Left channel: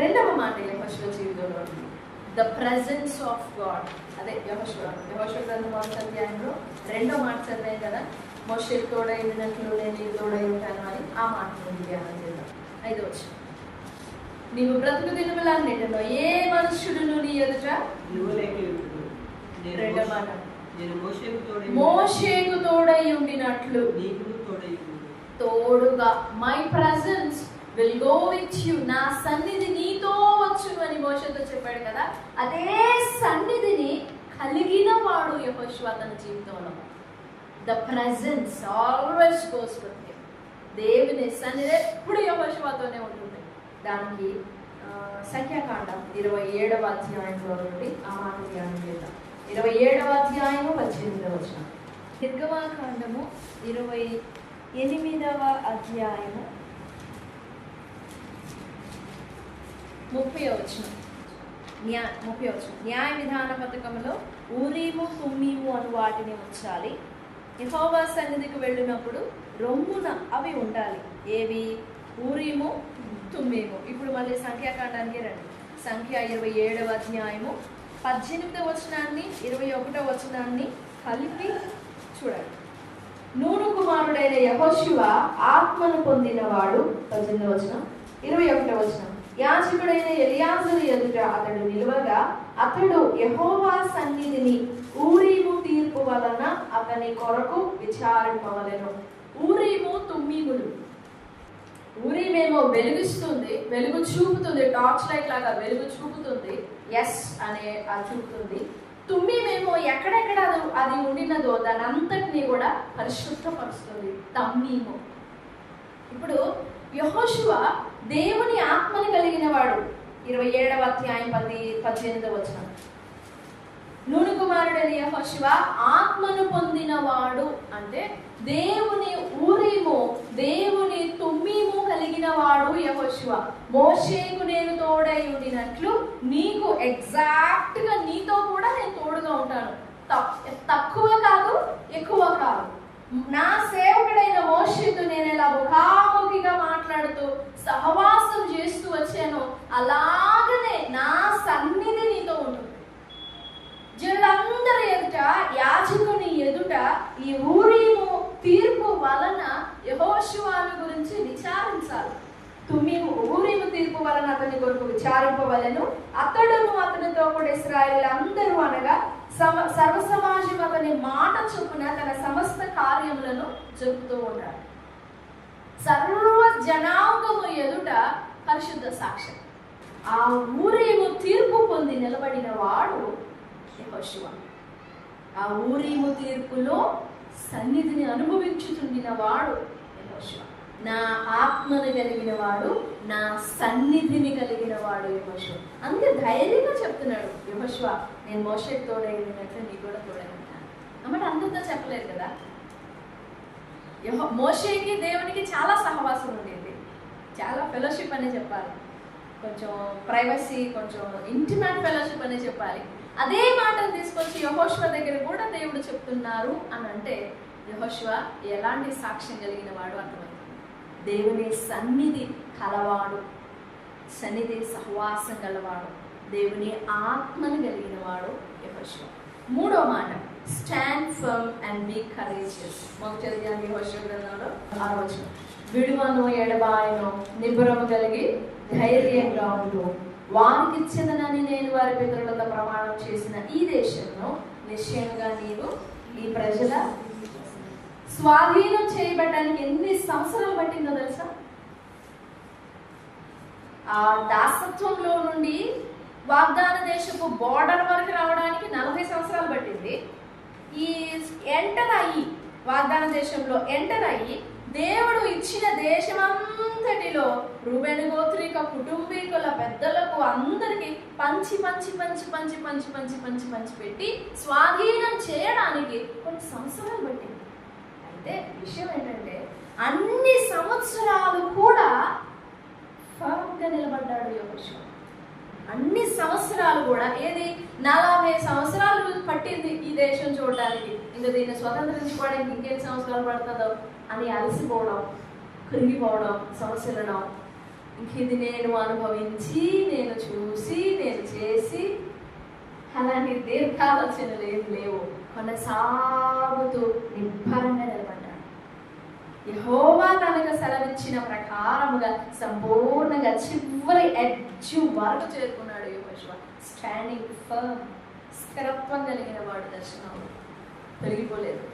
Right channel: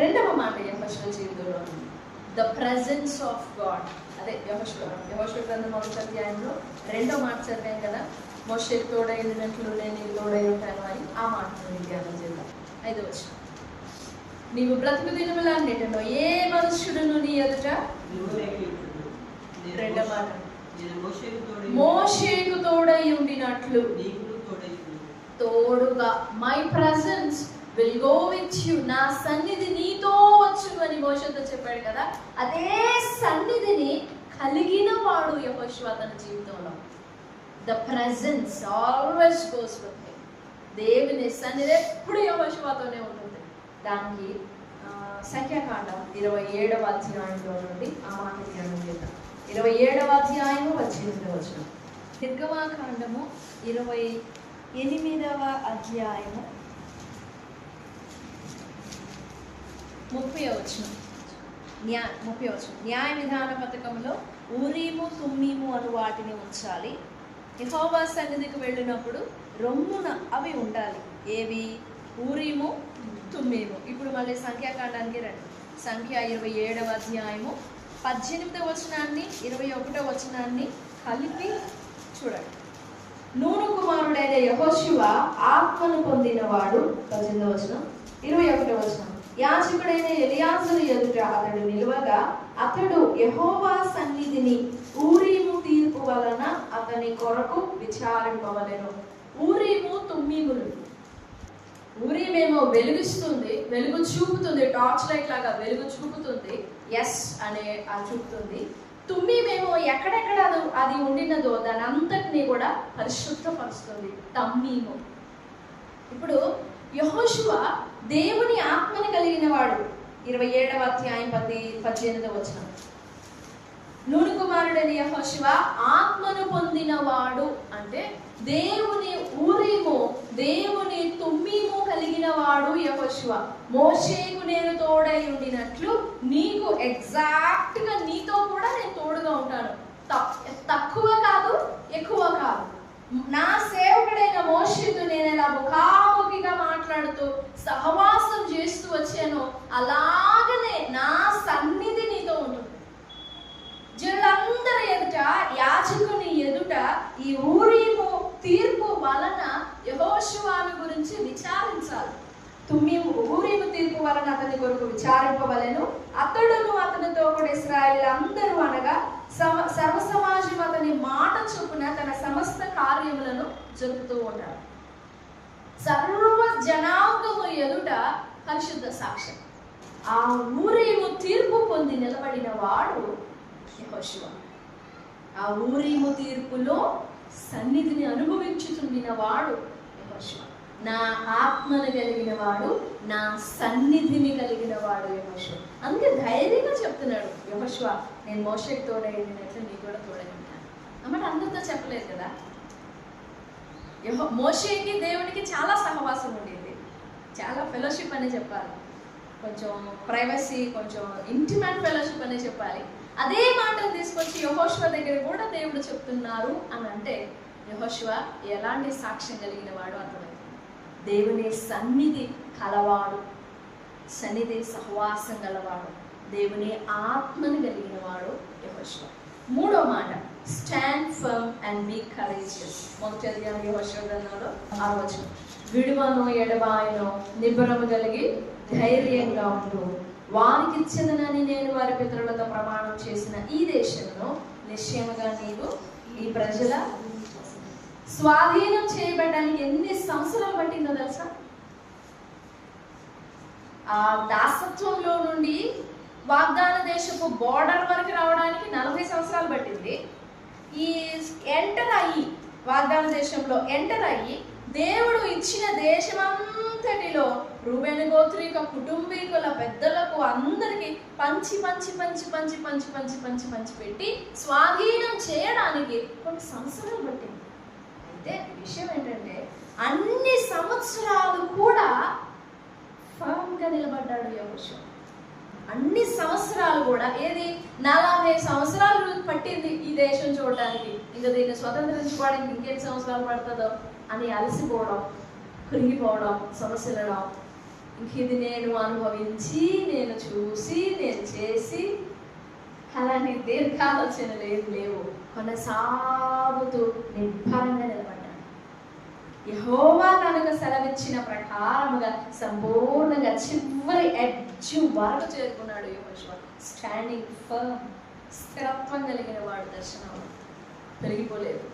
రెండవ మాట యెహోషువ జీవితంలో ఉంది, ద ప్రెజెన్స్ ఆఫ్ గాడ్. అదే యెహోషువ గ్రంథం 1వ అధ్యాయంలో రెండో మాట చదివాం కదా, మోషేకు తోడై ఉండినట్లు నేను నీకు తోడై ఉంటాను అని. ఆ మాటను ధ్యానం చేద్దాం. 5వ వచనం, నీవు బ్రతుకు దినములన్నిటిలో ఏ మనుష్యుడును నీ ఎదుట. రెండవ మాట, మోషేకు తోడై ఉండినట్లు తోడుగా. My presence will go with you, నా సన్నిధి నీతో వచ్చును అని మోషేతో చెప్పాడు కదా. అదే సన్నిధిని కలిగిన వాడు యెహోషువ తన జీవితంలో. The presence always goes with him. దేవుని సన్నిధి ఎప్పుడు యెహోషువతోనే ఉంటుంది. దానికి సంఖ్యాకాండం 27వ అధ్యాయంలో నుండి ఆ మాట ధ్యానం చేద్దాం. 27వ అధ్యాయము 18వ వచనం. నిర్గమాకాండము 28వ అధ్యాయము 30వ వచనం. 30వ వచనం, న్యాయ విధాన పథకంలో ఊరీము తుమ్మీము అను వాటిని ఉంచాలి. యెహోవా సన్నిధికి వెళ్ళినప్పుడు రొమ్మున అవి ఉండాలి. ఏవి? ఊరీము తుమ్మీము. ఇప్పుడు మళ్ళీ సంఖ్యాకాండానికి రండి. సంఖ్య 27వ అధ్యాయము 18వ వచనాన్ని 21వ వచనాన్ని కలిపి చూడండి. నూను కుమారుడైన యెహోషువ ఆత్మను పొందినవాడు. 18వ వచనం. 21వ వచనం, యాజకుడైన ఎలియాజరు ఎదుట అతడు నిలువగా అతడు యెహోవా సన్నిధిని ఊరీము తీర్పు వలన అతని కొరకు విచారింపవలెను. ఊరీము తుమ్మీములు. ఊరీమేమో వెలుగుస్తుంది, వెలుగు చూపుతుంది, టార్చ్ లైట్ లాగా వెలుగు చూపుతుంది, ఎస్ అనే చూపుతుంది. తుమ్మీమేమో ఎక్కడెక్కడ అది ఉండినదో దాని అంతటినీ కూడా పరిశుద్ధపరుస్తుంది, తమ్మీము. ఇప్పుడు యెహోషువ దేవుని ఆత్మని కలిగిన వాడు. 27వ అధ్యాయం 18వ వచనం, నూను కుమారుడైన యెహోషువ ఆత్మను పొందినవాడు అంటే దేవుని ఊరీము, దేవుని తుమ్మీము కలిగిన వాడు యెహోషువ. మోషేకు నేను తోడై ఉండినట్లు నీకు ఎగ్జాక్ట్ గా నీతో కూడా నేను తోడుగా ఉంటాను. తక్కువ కాదు, ఎక్కువ కాదు. నా సేవకుడైన మోషేతో నేను ఎలా ముఖాముఖిగా మాట్లాడుతూ సహవాసం చేస్తూ వచ్చానో అలాగనే నా సన్నిధి నీతో ఉంటుంది. జనులందరి ఎదుట, యాజకుని ఎదుట ఈ ఊరీము తీర్పు వలన యెహోషువను గురించి విచారించాలి. ఊరీము తీర్పు వలన అతని కొరకు విచారింపవలెను. అతడును అతనితో కూడా ఇశ్రాయేలీయులందరూ అనగా సర్వ సమాజం అతని మాట చొప్పున తన సమస్త కార్యములను జరుపుతూ ఉంటారు. సర్వ జనాంగము ఎదుట పరిశుద్ధ సాక్ష్యం. ఆ ఊరీము తీర్పు పొంది నిలబడిన వాడు యెహోషువ. ఆ ఊరీము తీర్పులో సన్నిధిని అనుభవించుతుండిన వాడు యెహోషువ. నా ఆత్మను కలిగిన వాడు, నా సన్నిధిని కలిగిన వాడు యెహోషువ. అందుకే ధైర్యంగా చెప్తున్నాడు యెహోషువ, నేను మోషేకు తోడై ఉండినట్లు నీకు కూడా తోడై ఉంటాను అన్నమాట. అందరితో చెప్పలేదు కదా. మోషేకి దేవునికి చాలా సహవాసం ఉండేది, చాలా ఫెలోషిప్ అనే చెప్పాలి, కొంచెం ప్రైవసీ, కొంచెం ఇంటిమేట్ ఫెలోషిప్ అనే చెప్పాలి. అదే మాటను తీసుకొచ్చి యెహోషువ దగ్గర కూడా దేవుడు చెప్తున్నారు అని అంటే యెహోషువ ఎలాంటి సాక్ష్యం కలిగిన వాడు అర్థమైంది. దేవుని సన్నిధి కలవాడు, సన్నిధి సహవాసం గలవాడు, దేవుని ఆత్మను కలిగిన వాడు యెహోషువ. మూడో మాట, stand firm and be courageous. మొదటి యెహోషువ గ్రంథంలో 6వ వచనం, విడువను ఎడబాయను నిబ్బరము కలిగి ధైర్యంగా ఉండు, వారికి ఇచ్చేదనని నేను వారి పితరులతో ప్రమాణం చేసిన ఈ దేశంలో నిశ్చయముగా నీవు ఈ ప్రజల స్వాధీనం చేయబడడానికి ఎన్ని సంవత్సరాలు పట్టిందో తెలుసా? ఆ దాసత్వంలో నుండి వాగ్దాన దేశపు బోర్డర్ వరకు రావడానికి 40 సంవత్సరాలు పట్టింది. ఈ ఎంటర్ అయ్యి వాగ్దాన దేశంలో ఎంటర్ అయ్యి దేవుడు ఇచ్చిన దేశమంతటిలో రూబేను గోత్రిక కుటుంబీకుల పెద్దలకు అందరికి పంచి పంచి పంచి పంచి పంచి పంచి పంచి పంచి పెట్టి స్వాధీనం చేయడానికి కొన్ని సంవత్సరాలు పట్టింది. అయితే విషయం ఏంటంటే అన్ని సంవత్సరాలు కూడా ఫర్మ్గా నిలబడ్డాడు యెహోషువ. అన్ని సంవత్సరాలు కూడా, ఏది 40 సంవత్సరాలు పట్టింది ఈ దేశం చూడడానికి, ఇంకా దీన్ని స్వతంత్రించుకోవడానికి ఇంకెన్ని సంవత్సరాలు పడుతుందో అని అలసిపోవడం, కృంగిపోవడం, సమస్యలడం, ఇది నేను అనుభవించి, నేను చూసి, నేను చేసి అలాంటి దీర్ఘాలోచనలు ఏం లేవు. కొనసాగుతూ నిబ్బరంగా నిలబడ్డాడు. యెహోవా కనుక సెలవిచ్చిన ప్రకారముగా సంపూర్ణంగా చివరి ఎడ్జ్ వరకు చేరుకున్నాడు యెహోషువ. స్టాండింగ్ ఫర్మ్, స్థిరత్వం కలిగిన వాడు దర్శనంలో తొలగిపోలేదు.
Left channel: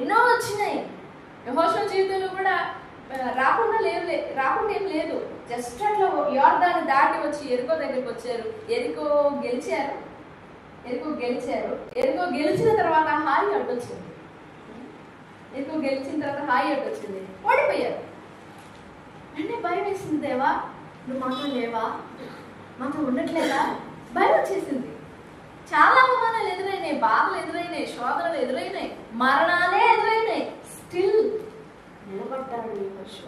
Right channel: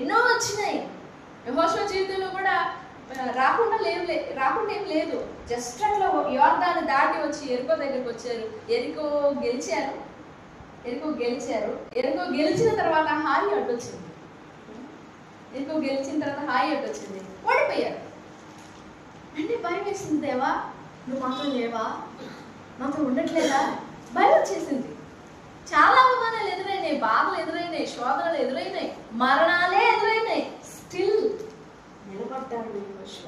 ఎన్నో వచ్చినాయి యెహోషువ జీవితంలో కూడా, రాకుండా ఏం లేదు. జస్ట్ అట్లా యోర్దాను దాటి వచ్చి ఎరికో దగ్గరికి వచ్చారు. ఎరికో గెలిచిన తర్వాత హాయి అడ్డొచ్చింది. ఓడిపోయారు. అంటే భయం వేసింది, దేవా నువ్వు మాతో లేవా, మాతో ఉండట్లేదా, భయం వచ్చేసింది. చాలా అవమానాలు ఎదురైనాయి, బాధలు ఎదురైనాయి, శోధనలు ఎదురైనాయి, మరణాలే ఎదురైనాయి. స్టిల్ నిలబడ్డాడు యెహోషువ.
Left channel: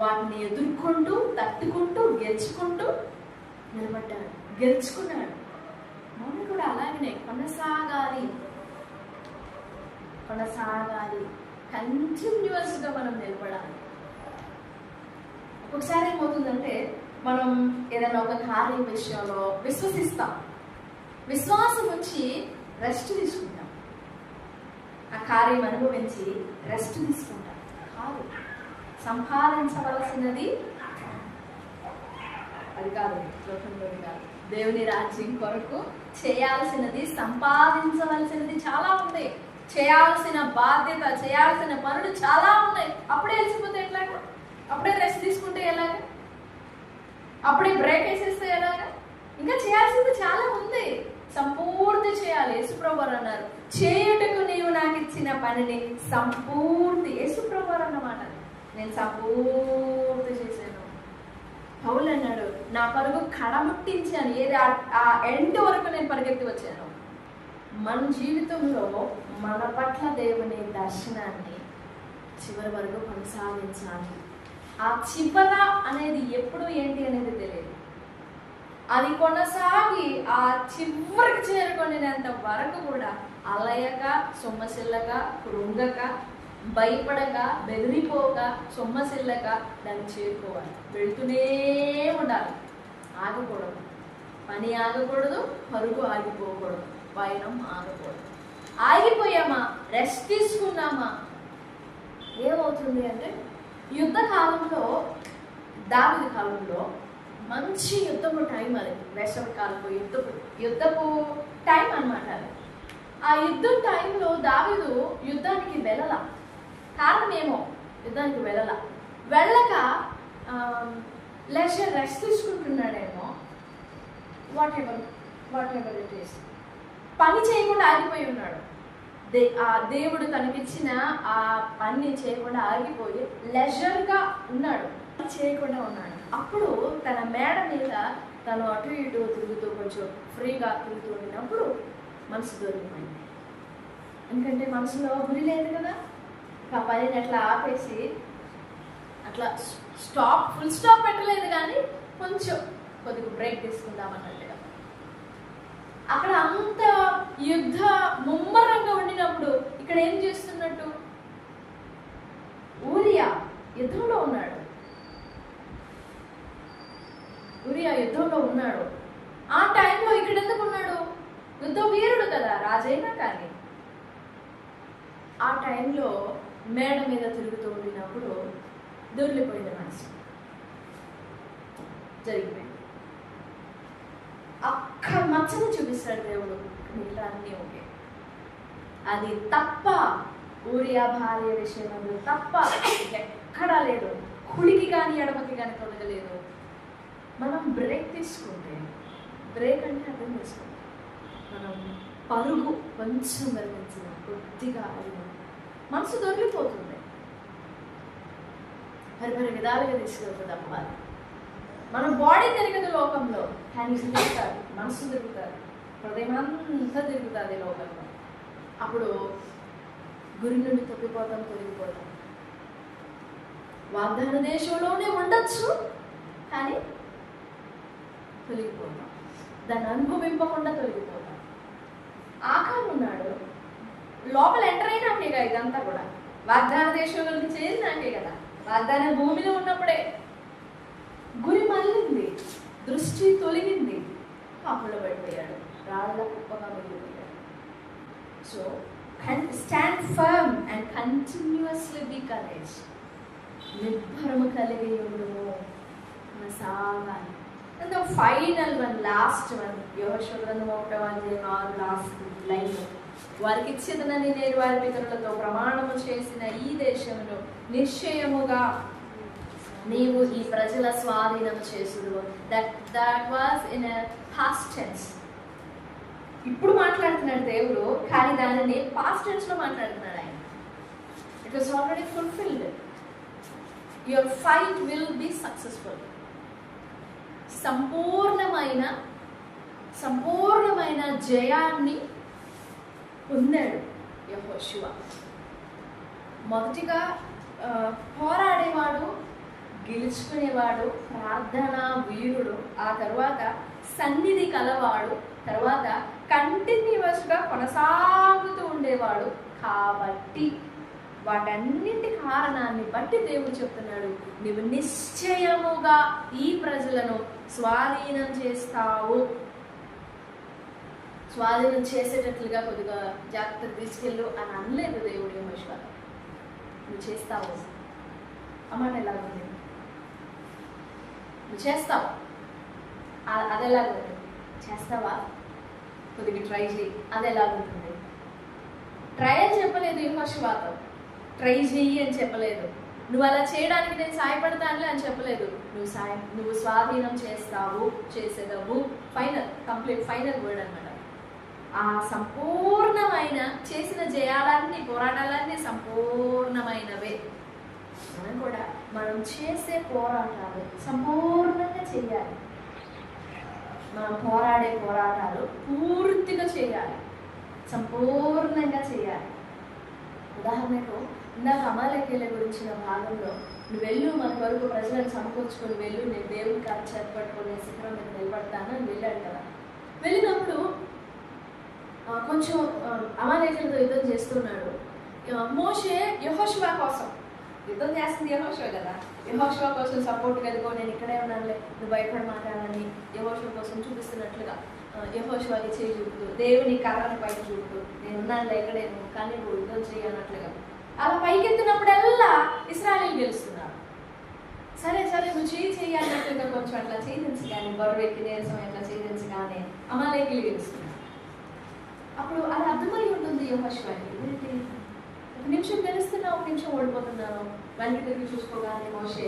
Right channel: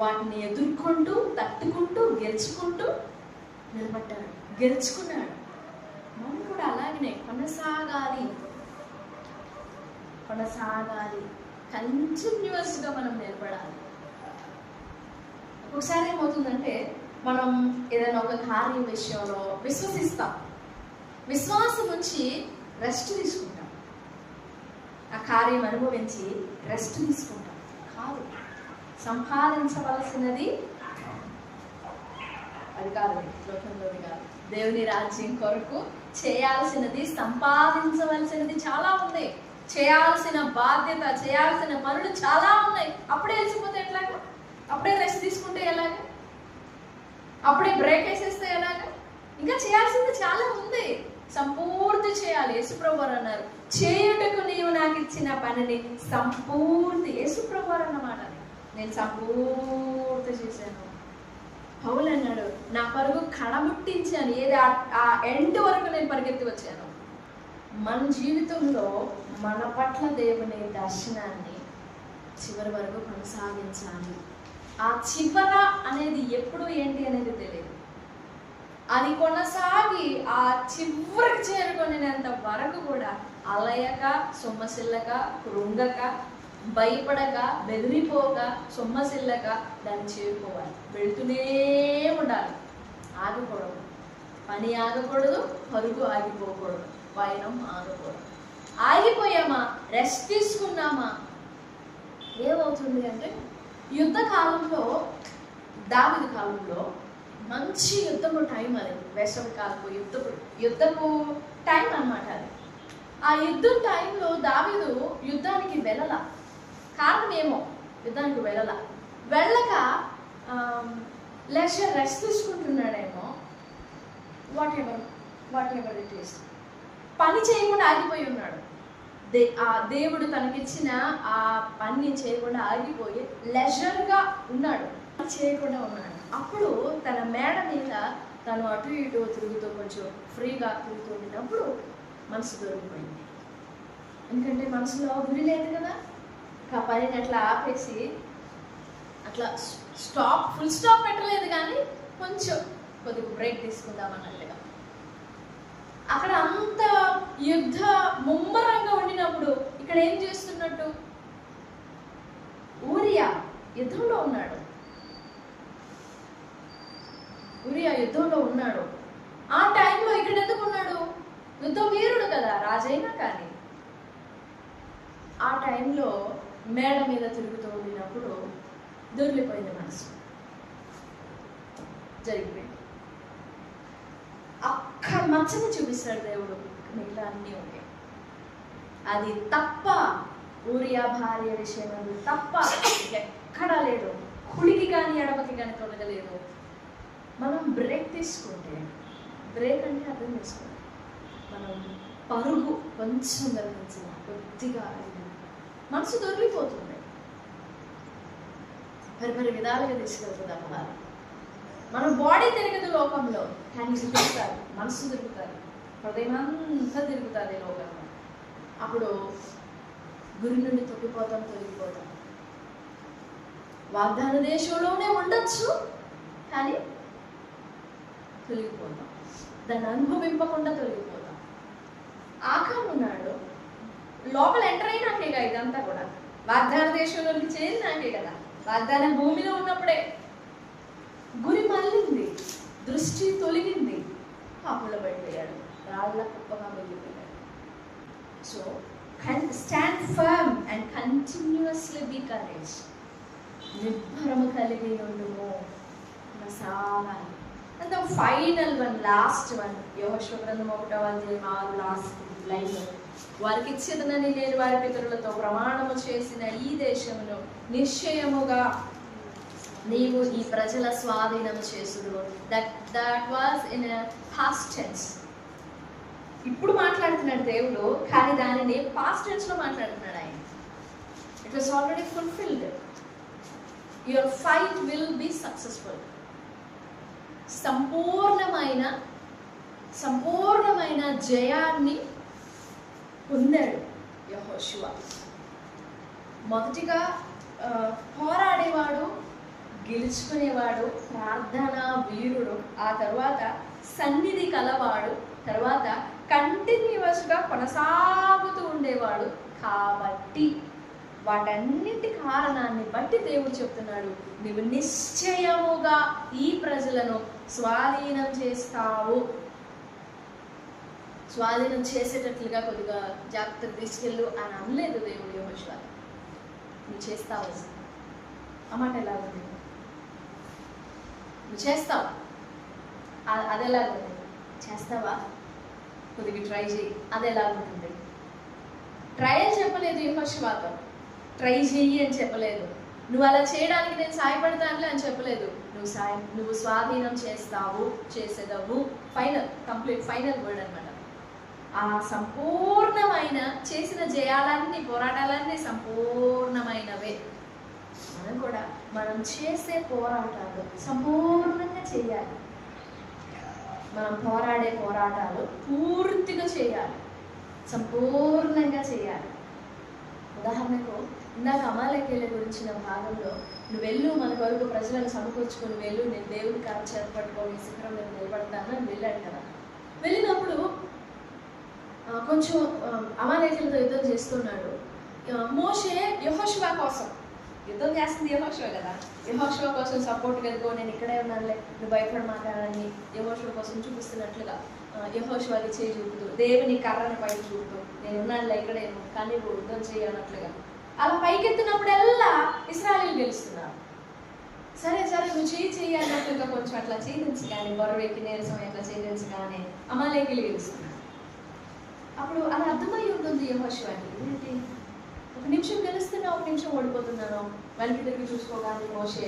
వాటిని ఎదుర్కొంటూ, తట్టుకుంటూ, గెలుచుకుంటూ నిలబడ్డాడు, గెలుచుకున్నాడు. మనం కూడా అలాగనే కొనసాగాలి, కంటిన్యూస్గా మనం నిలబడాలి. ఒక్కొక్కసారి ఏమవుతుందంటే, మనం ఏదైనా ఒక కార్యం విషయంలో విశ్వసిస్తాం, విశ్వాసం ఉంచి రెస్ట్ తీసుకుంటాం, ఆ కార్యం అనుభవించి రెస్ట్ తీసుకుంటాం. కాదు, సంపాదించవలసినది అది కాదు, లోకంలోది కాదు. దేవుని రాజ్యం కొరకు చేయాల్సినది, సంపాదించవలసినది చాలా ఉంది. చేయాల్సిన బాధ్యత, చేయాల్సిన పనులు చాలా ఉన్నాయి. అప్పుడే వెళ్ళిపోతే ఎట్లాగా? అప్పుడే రెస్ట్ తీసుకుంటే ఎలాగా? అప్పుడే బ్రేక్ వేసేస్తే ఎలాగా? ఇంకా చేయాల్సింది చాలా ఉంది, సంపూర్తి చేయాలి. యేసుప్రభు వారు అన్నారు, చేయుటకు నీవు నాకు ఇచ్చిన పనిని సంపూర్తి. యేసుప్రభు వారు అన్నమాట, నేను సంపూర్తి చేశాను. పౌలు అన్నాడు, నా పరుగు కడముట్టించాను, ఏది ఆ ఎండ్ వరకు నేను పరిగెత్తి వచ్చాను. మన జీవితంలో మన పట్ల దేవుని దర్శనాన్ని చివరి వరకు కొనసాగించాలి. ఆ చివర అనేది ఎప్పుడు ఏంటి అనేది తెలియదు. అది కొనసాగి ఆ చివరికి చేరుకునేంత వరకు కూడా అలయక, సొమ్మసిల్లక, కృంగక, భయపడక, బెదిరిపోక, సొమ్మసిల్లక దాన్ని చేరుకోవాలి. వెళుతూనే ఉండాలి, ఆగకూడదు. పని ఆగకూడదు, పరుగు ఆగిపోకూడదు, పయనం ఆగకూడదు. ఆగిపోయామా, రెస్ట్ తీసుకున్నామా, ఏమవుతుంది అంటే, యుద్ధ కాలంలో, దావీదు కాలంలో మంచి యుద్ధపు టైం అది. వేసవి కాలపు యుద్ధపు టైం అన్నమాట అది. ఆ యుద్ధం టైంలో దావీదు యుద్ధానికి వెళ్ళల. కారణం ఏమో, యుద్ధానికి వెళ్ళక రెస్ట్ తీసుకుంటున్నాడేమో, వాట్ ఎవర్ ఇట్ ఈస్. పని చేయకుండా ఆగిపోయి ఉన్నాడు. ఆ దేవుడు తనకిచ్చిన ఆ పని చేయకుండా ఆగిపోయి లెజర్గా ఉన్నాడు, పని చేయకుండా ఉన్నాడు. అప్పుడు తన మేడ మీద తను అటు ఇటు తిరుగుతూ, కొంచెం ఫ్రీగా తిరుగుతూ ఉండినప్పుడు మనసు దొరికిపోయింది. ఎందుకంటే మనసులో గురి లేదు కదా. ఆ పనిని అట్లా ఆపేసి, అట్లా ఫుల్ స్టాప్ పెట్టలేదు, కానీ కొద్దిగా బ్రేక్ తీసుకుందామన్నట్టుగా. అక్కడ అంత యుద్ధ ముమ్మరంగా ఉండినప్పుడు ఇక్కడ ఏం చేస్తున్నట్టు, ఊరియా యుద్ధంలో ఉన్నాడు. ఆ టైంలో ఇక్కడ ఎందుకు ఉన్నాడు? యుద్ధ వీరుడు కదా, రాజైనా. కానీ ఆ టైంలో మేడ మీద తిరుగుతూ ఉండినప్పుడు దొరికిపోయింది, మనసు జరిగిపోయింది. అక్క మచ్చని చూపిస్తాడు దేవుడు, మిగతా అన్నీ ఓకే. అది తప్ప, ఊరియా భార్య విషయం తప్ప ఎక్కడా లేదు. కుడికి కానీ ఎడమకి కానీ తొలగలేదు. మనం బ్రేక్ తీసుకుంటే, బ్రేక్ అంటే అర్థం చేసుకోండి, మనం పరుగు కొంచెం కలిగించిన, కొద్దిగా అయినా మనసు దొరికిపోతుంది. పరి విధాలుగా తీసుకెళ్తుంది అమ్మాలి. మన బాడీ తిరగదు లోకంలో, కానీ తిరుగుతుంది, మనసు తిరుగుతుంది, హృదయం అంతా తిరుగుతుంది లోకంలో. అప్పుడు గురి నుండి తొలగిపోతాం. వాగ్దాన దేశంలోనే ఉండొచ్చు, కానీ తొలగిపోతాం. దాన్ని అనుభవింపకుండా తొలగిపోతాం. ఆకారం ఉన్నాడు, లోపల ఎంటర్ అయినాకే కదా ఇదంతా కూడా, వాగ్దాన దేశంలోకి చేరినాకే కదా. వాగ్దాన భూమిలో ఉన్నప్పుడే గురి మళ్ళింది, దృష్టి తొలగింది, పాపంలో పడిపోయాడు, రాళ్ళ కుప్పగా వెళ్ళిపోయాడు. So stand firm and continuously be courage. నిర్భరము కలిగి ఉండుము, సాగాలి. And the final one, last one, యెహోషువ గ్రంథం 1వ అధ్యాయం 6 లాస్ట్ లైన్, వారికి ఇచ్చేదనని నేను వారి పితరులతో ప్రమాణము చేసిన ఈ దేశమును నిశ్చయముగా నీవు ఈ ప్రజల స్వాధీనం చేసుదువు. That was in past tense. ఇప్పుడు మాట్లాడుతున్నాడు దేవుడు, కానీ దానిని పాస్ట్ టెన్స్ లో మాట్లాడుతున్నాడు ఆయన. It was already fulfilled. Your fight will be successful. సంపూర్ణమైన జయాన్ని పొందాడు యెహోషువ. మొదటిగా పోరాడేవాడు, గెలుచుకునేవాడు, ప్రార్థనా వీరుడు, ఆ తర్వాత సన్నిధి కలవాడు, తర్వాత కంటిన్యూస్గా కొనసాగుతూ ఉండేవాడు. కాబట్టి వాటన్నింటి కారణాన్ని బట్టి దేవుడు చెప్తున్నాడు, నీవు నిశ్చయముగా ఈ ప్రజలను స్వాధీనం చేస్తావు. స్వాధీనం చేసేటట్లుగా కొద్దిగా జాగ్రత్తగా తీసుకెళ్ళు అని అనలేదు దేవుడు యెహోషువతో. నువ్వు చేస్తావు. ఆ మాట ఎలాగుంది? నువ్వు చేస్తావు. అదెలాగుంది? చేస్తావా? కొద్దిగా ట్రై చేయి. అదెలాగుంటుంది? ట్రయల్ చెప్పలేదు యెహోషువతో, ట్రై చెయ్యి అని చెప్పలేదు. నువ్వు అలా చేయడానికి నేను సాయపడతానులే అని చెప్పలేదు. నువ్వు స్వాధీనం చేస్తావు, చేసేదవు. కంప్లీట్ ఫైనల్ వర్డ్ అనమాట. ఆ సంపూర్ణమైన చేసిన జయాలన్నీ, పోరాటాలన్నీ సంపూర్ణమైనవే. మనం చేసే పోరాటాలు సంపూర్ణంగా చేయాలి. మనం పోరాడే పోరాటాలు పూర్తిగా చేయాలి, సంపూర్ణంగా చేయాలి. ఉదాహరణకు ఇందాక అమాలేకీయుల గురించిన భాగంలో, నువ్వు వెళ్ళు, మన కొరకు ప్రజలను సమకూర్చుకొని వెళ్ళు, నేను దేవుని కారు చేపట్టుకొని శిఖరం మీద నిలబడతాను అని వెళ్ళాడు కదా. వెళ్ళినప్పుడు కొంచెం అమాలేకీయులతో యుద్ధం చేస్తున్నాడు. మోషే యెహోషువ కోసం యుద్ధం చేస్తుంది, యెహోషువ కదా, యెహోషువ కోసం సపోర్ట్ కలుగో, నేను ఇక్కడే ఉన్నానులే, నువ్వు భయపడమాటానని యెహోషువ కోసం చూపిస్తున్నట్లుగా యెహోషువకి చేయి చూపుతూ, దేవుని కర్రని పైకి చూపుతూ, నేను ఉన్నానులే ఇక్కడే, కానీ నువ్వు యుద్ధం చేయనట్లుగా అలా పైకెత్తినప్పుడల్లా ఇశ్రాయేలీయులు గెలుస్తున్నారు. సరే నువ్వు చేయి అన్నట్లుగా కొంచెం అట్లా చేయించి కానీ, బరువెక్కి నీరసం అట్లా చేయించి కానీ అమాలేకీయులు గెలుస్తున్నారు. అప్పుడు అది అర్థమై ఉంటుంది యెహోషువకి, ఏంటి ఒక నిమిషం గెలుస్తున్నా, ఒక నిమిషం ఓడిపోతున్నాను. వెనక్కి తిరిగి చూసుకోగానే మోషే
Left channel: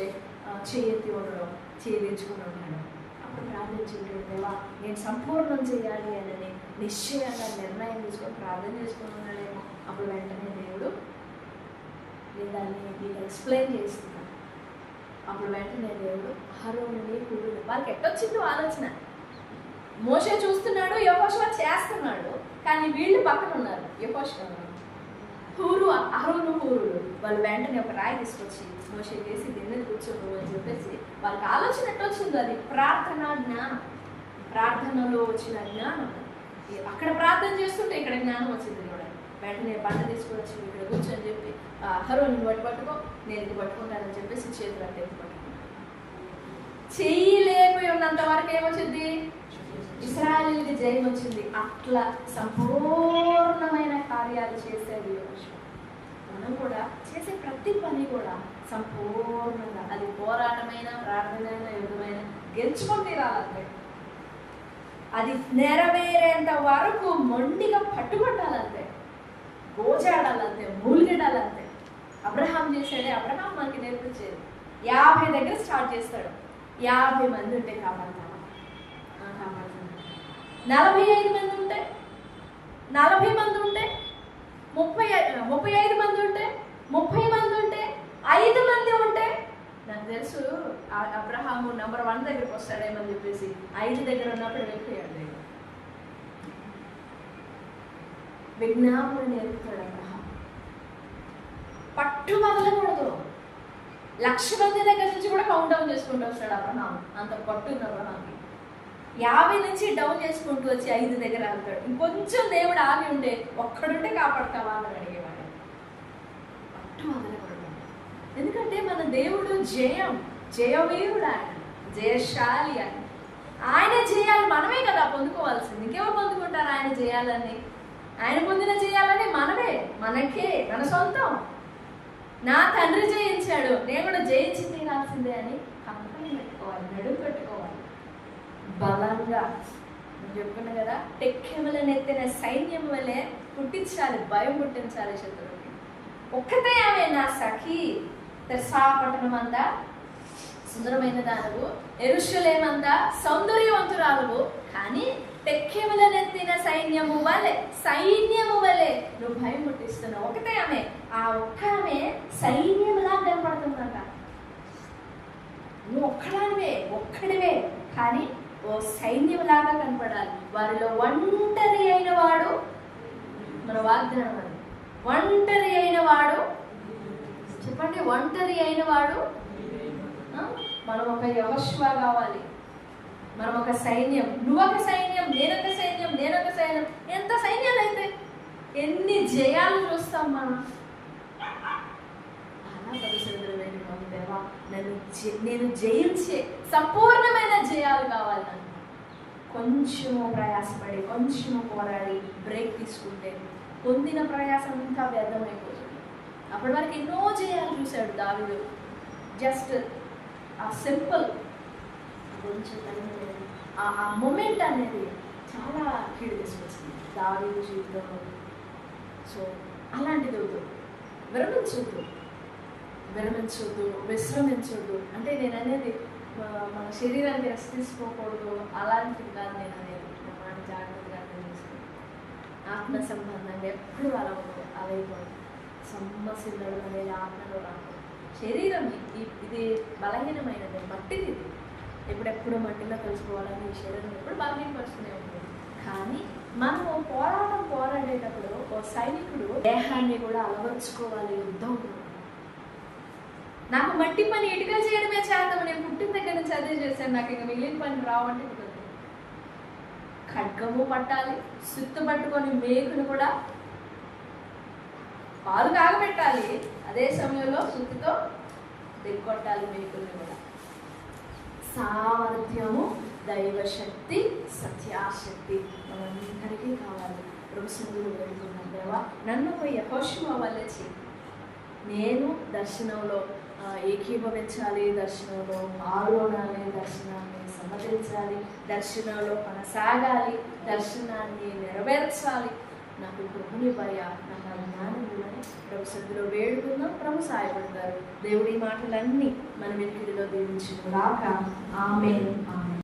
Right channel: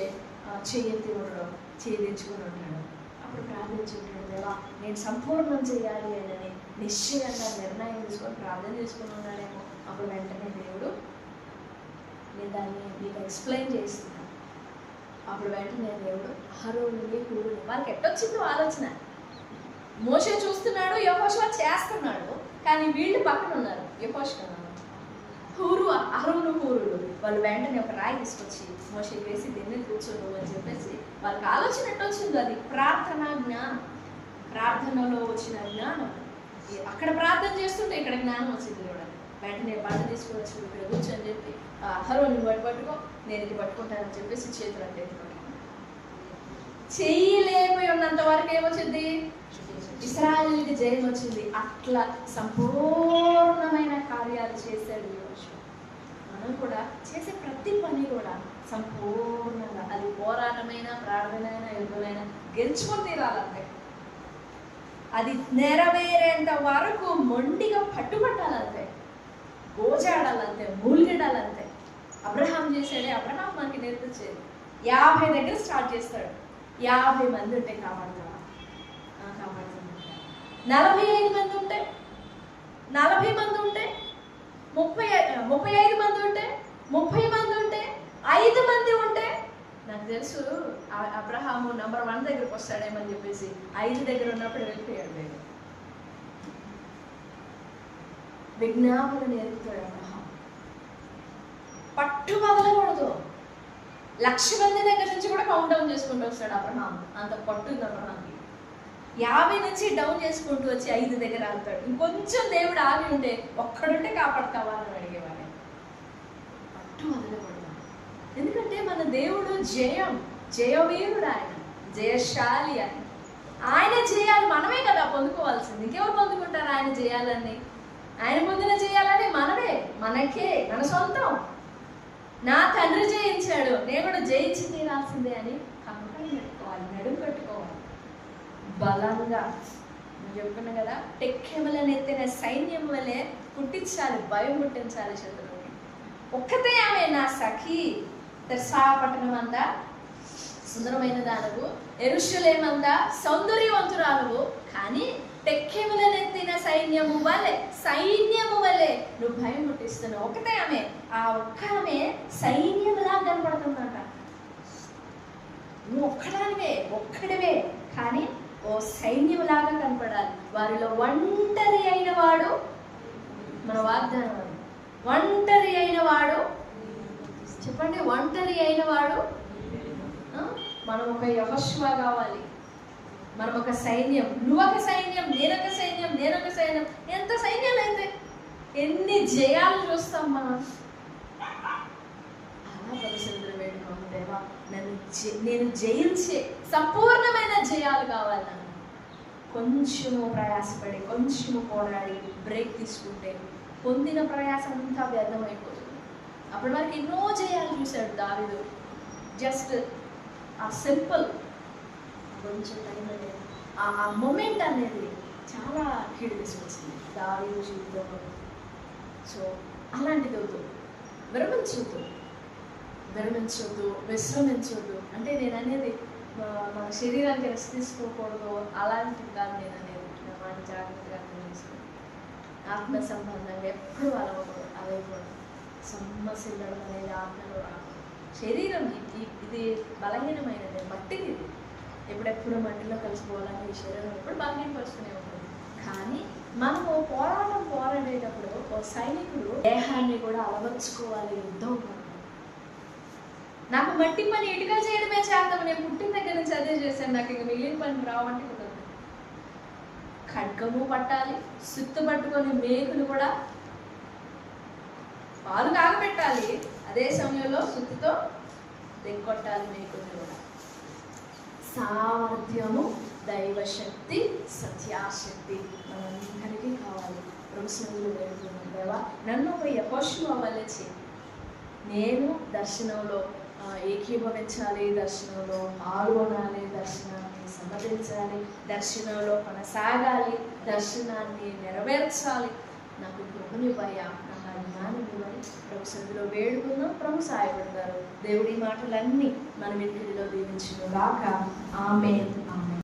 చేయి ఎత్తి ఉండడం, చేయి తెచ్చుకుని ఉంటాడు. అప్పుడు ప్రార్థించి ఉంటాడు, దేవా నేను సంపూర్ణం చేయాలి అని నిశ్చయంగా నిర్ణయం తీసుకొని ప్రార్థన చేసుకుని ఉన్నాడేమో. అప్పుడు వెంటనే దేవుడు, నేను దాన్ని మీకు ఎక్స్ప్లెయిన్ చేస్తున్నాను. అప్పుడు వెంటనే దేవుడు అహరోనుని హూరుని, వాళ్ళకి ఎట్టొచ్చిందో ఆలోచన. మోషే చూస్తున్నాడు, యెహోషువ చేస్తున్నాడు, కానీ వీళ్ళు పక్కన ఉన్నారు. అహరోను హూరుడు వాళ్ళు వెంటనే ఒక రాయి తీసుకొచ్చి మోషే వేసి దీని మీద కూర్చోను అని చెప్పేసి వాళ్ళకి ఆలోచన ఎట్టొచ్చిందో, అది ప్రార్థనా జ్ఞానం, ప్రార్థనలో వచ్చిన జ్ఞానం. అక్కడ ప్రార్థన చేస్తుంటే ఇక్కడ జ్ఞానం వచ్చింది కూడా. వెంటనే బండ తీసుకొని వచ్చి ఇక్కడ కూర్చొని చెప్పి, అహరోను బట్టి పట్టుకో, నేను ఇది పట్టుకుంటానని చెప్పేసి చేతులు అంటే ఎత్తి పట్టుకుంటాను. చేయలేకపోయి ఉన్నంత వరకు ఏమొచ్చింది? ఇశ్రాయేలుకి జయం వచ్చింది. అట్లా సంపూర్ణమైన కార్యాలు చేశాడు యెహోషువ. మనం కూడా చేసే ప్రతి పని కూడా సంపూర్ణంగా, అది పోరాటమైన, ప్రార్థనైన, యుద్ధమైన గెలుచుకొని తీరాలంతే. అది నెరవేరేంత వరకు మొండిగా పట్టుబట్టాలంతే, గోజాడాలంతే, మూలిగడాలంతే. అబ్రహాం చేశాడే, అబ్రహాం మనకి నేర్పించేది. 50 దగ్గర స్టార్ట్ చేస్తాడు. 50 మంది ఉంటే కాపాడుతావా? కాపాడుతాను. 45 మంది ఉంటే, 40 మంది ఉంటే, 35 మంది ఉంటే, 30 మంది ఉంటే, 5 మంది ఉంటే, నాకు తెలుసు అబ్రహాము నంబర్ 1 దగ్గరకు వస్తాడేమని చెప్పేసి 5 దగ్గర ఉన్నప్పుడు వెళ్ళిపోయాడు. దేవుడు విజ్ఞాపన నేర్పుతాడు అబ్రహాం. పట్టు వదలకూడదు. 1,00,000 మంది దగ్గర నుంచి కూడా కౌంట్ డౌన్ చేసుకుంటూ వస్తాడు అబ్రహాం. అంత పట్టు ఉంది అబ్రహాంకి. 50 నుంచి డౌన్ చేసుకుంటూ వచ్చి 5 దగ్గర ఆగుతాడు. ఇంకొంచెం దేవుడు ఆగి ఉంటే, ఒక్కడుంటే కాపాడతావా అని అడిగేవాడు. పట్టు వదలకూడదు. ఎందుకంటే మన దేవుడు జయవీరుడు, ఆయన జయశాలి. ఆయన జయాలు మనమే కదా పొందుకోవాల్సింది. ఇంకెవరు పొందుకుంటారు ఆయన జయాలని? ఆయన పొందిన జయాలని మనకే మన సొంతం. నా తండ్రి జయించాడు, నేను కూడా జయించి తీరాల్సిందే అని కంపని పెట్టుకోవాలి, నడుము కట్టుకోవాలి బలంగా. నేను చెప్పుకున్నా కదా, టెక్కెమలను ఎత్తిన సైన్యం వలె పుట్టించాలి, భయం పుట్టించాలి శత్రువుకి. ఒక్కతే ఆమె నా సఖి. తెర్సా పట్టణం అంతా సుందరమైన దానవు, యెరూషలేమంతా సౌందర్యవంతురాలువు, కానీ టెక్కెమలనెత్తిన సైన్యము వలె నువ్వు భయం పుట్టిస్తున్నావు. ఒకటే ఆమె, ఆ ఒక్క ఆమె సైన్యంలా కనపడుతుందంట. నువ్వు ఒక్కడివే కానీ ఓ సైన్యంలాగా కనపడాలి. వారిలో ఒంటరి అయిన వాడు, మన వాగ్దానం అది, ఒంటరి అయిన వాడు, చెప్పండి, ఒంటరి అయిన వాడు. మనం ఒక యెహోషువ కావాలి, మనం ఒక సైన్యం. నువ్వొక సైన్యం, నేనొక సైన్యం. ఎంత సైన్యాలు అయితే ఎన్ని జయాలు చూస్తాం మనం. అలా భవిష్యత్తులో వేడుకోండి, దేవా నేను జయించే సంపూర్ణమైన జయాలు కావాలి నాకు. కొంచెము ప్రయాసపడి, కొంచెము పోరాడి బ్రేక్ తీసుకుంటే పొందిన ప్రయాసం అంతా వ్యర్థమైపోతుంది. అప్పటి వరకు ఎన్నో జయాలు చూశాడు దావీదు. జస్ట్ ఆ సింపుల్ కొంచెం టైం అనేది, ఆ మూమెంట్ అనేది చాలా కీడు తీసుకొచ్చింది దావీదు జీవితంలో. సో అలాంటిది వద్దు, విశ్రమించొద్దు. అంటే నేను అనేది మన శరీరానికి రెస్ట్ తీసుకోకూడదు, అలాంటిది కాదు నేను అనేది. నా మాట జాగ్రత్తగా అర్థం చేసుకోండి. ఆత్మ సంబంధంగా ఎప్పుడు అలైపోవడం, సొమ్మసిల్లడం అనేది ఆత్మలో రాకూడదు. శరీరం ఇది బలహీనమైనది, మట్టిది. ఇది ఎప్పుడెప్పుడు మట్టిలో కలిసిపోవాలని ఈ శరీరం ఎప్పుడు బలహీనపరుస్తూనే ఉంటుంది. కానీ మనము పోరాడేటప్పుడు ఓ సైనికుడు దేహాన్ని కూడా అలవర్చుకోవాలి. యుద్ధం నాకు మట్టి పని ఇటుగా చేయడమే చేద్దాము, నేను పుట్టిన దగ్గర నుంచి అదే చేశాను, నాకు ఇంకా మిగిలిన పని రావంటే కుదరదు. ఖడ్గము పట్టాలి, సుత్తు పట్టుకొని మేకును కూడా పాలు కాగబెట్టాలి, అదే సమయంలో సుత్తితో దిగ్గొట్టాలి మేకుని కూడా. సామర్థ్యము, దైవశక్తి, సత్యాశక్తి మనందరికీ కావాలి. ప్రభు సన్నిధిలో వేడుకున్నాం, దేవా నన్ను ఒక యెహోషువ వలె చెయ్యి. నేను దర్శనంలో ఏకీభవించాలి, దర్శనంలో పాల్గొనాలి, దర్శనాన్ని సమ్మతించాలి, దర్శనంలో కొనసాగాలి, దర్శనాన్ని నెరవేర్చాలి. నాకు కృపనివ్వయ్యా, నాకు ఆ జ్ఞానం ఇవ్వని ప్రభు సన్నిధిలో వేడుకుందాం. ప్రభు సహాయపడతారు. దేవుడి మాటలన్నీ మన వెనుకడిలో దీవించును గాక. ఆమేన్.